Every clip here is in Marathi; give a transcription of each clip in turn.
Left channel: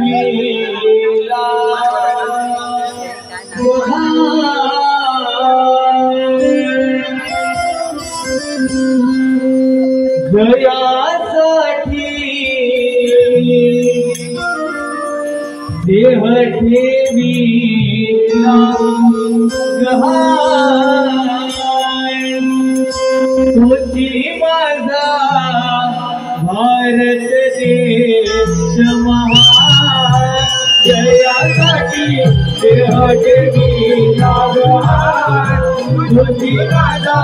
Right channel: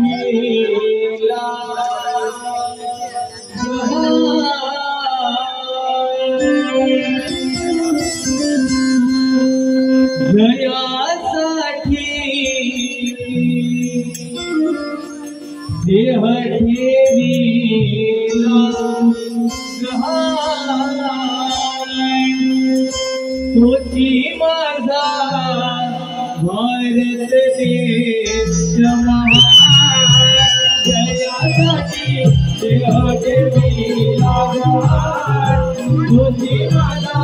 देवीला जयासाठी देह ठेवीला गहाण तुझी माझा भारत देश महान जयासाठी देह ठेवीला गहाण तुझी माझा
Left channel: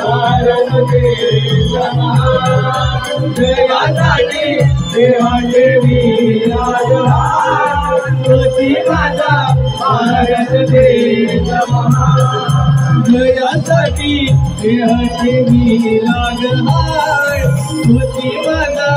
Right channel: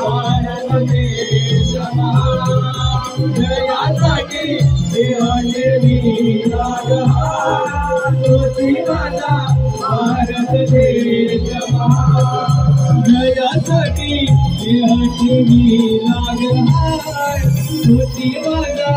भारत देश महान जयासाठी देह ठेवीला गहाण तुझी माझा भारत देश महान जयासाठी देह ठेवीला गहाण तुझी माझा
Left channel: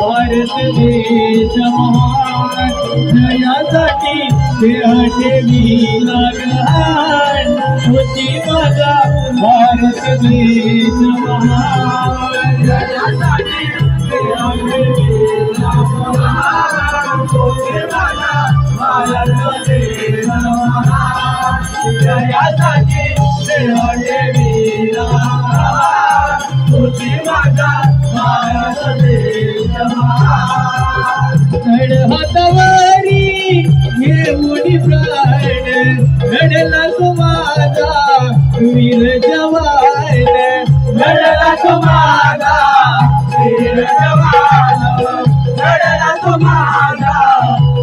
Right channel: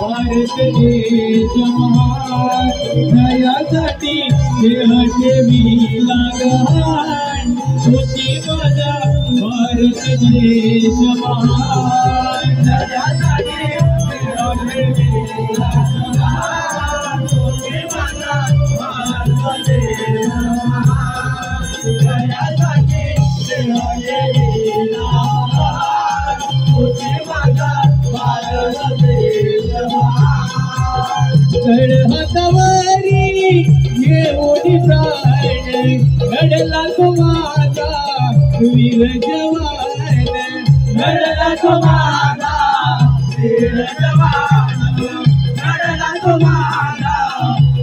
भारत देश महान जयासाठी देह ठेवीला गहाण तुझी माझा भारत देश महान जयासाठी देह ठेवीला गहाण तुझी माझा भारत देश महान जयासाठी देह ठेवीला गहाण तुझी माझा भारत देश महान कड हातावरी घेऊन प्राण घडला तो माझा वीर जवान घडला तो माझा वीर जवान घडला तो माझा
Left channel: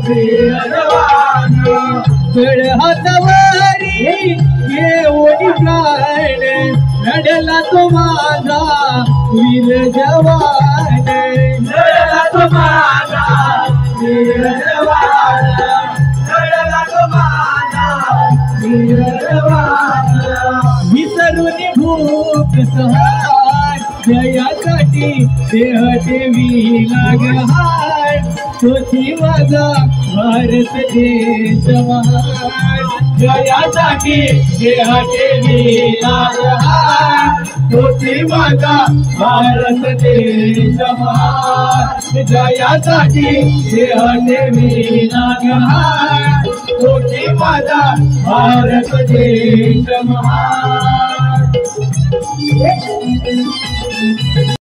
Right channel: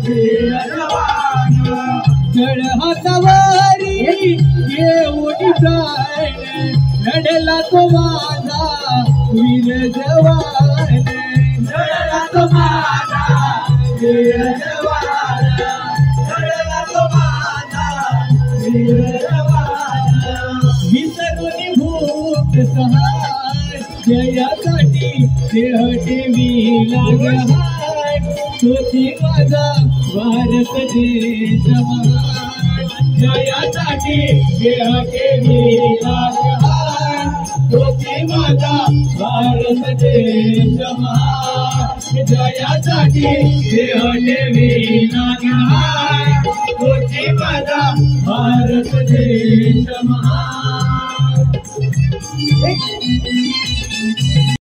वीर जवान कड हातावरी घेऊन प्राण घडला तो माझा वीर जवान घडला तो माझा वीर जवान घडला तो माझा वीर जवान विसरून भूक सहार जयासाठी देह ठेवीला गहाण तुझी माझा भारत देश महान जयासाठी देह ठेवीला गहाण तुझी माझा भारत देश महान जयासाठी देह ठेवीला गहाण तुझी माझा भारत देश महान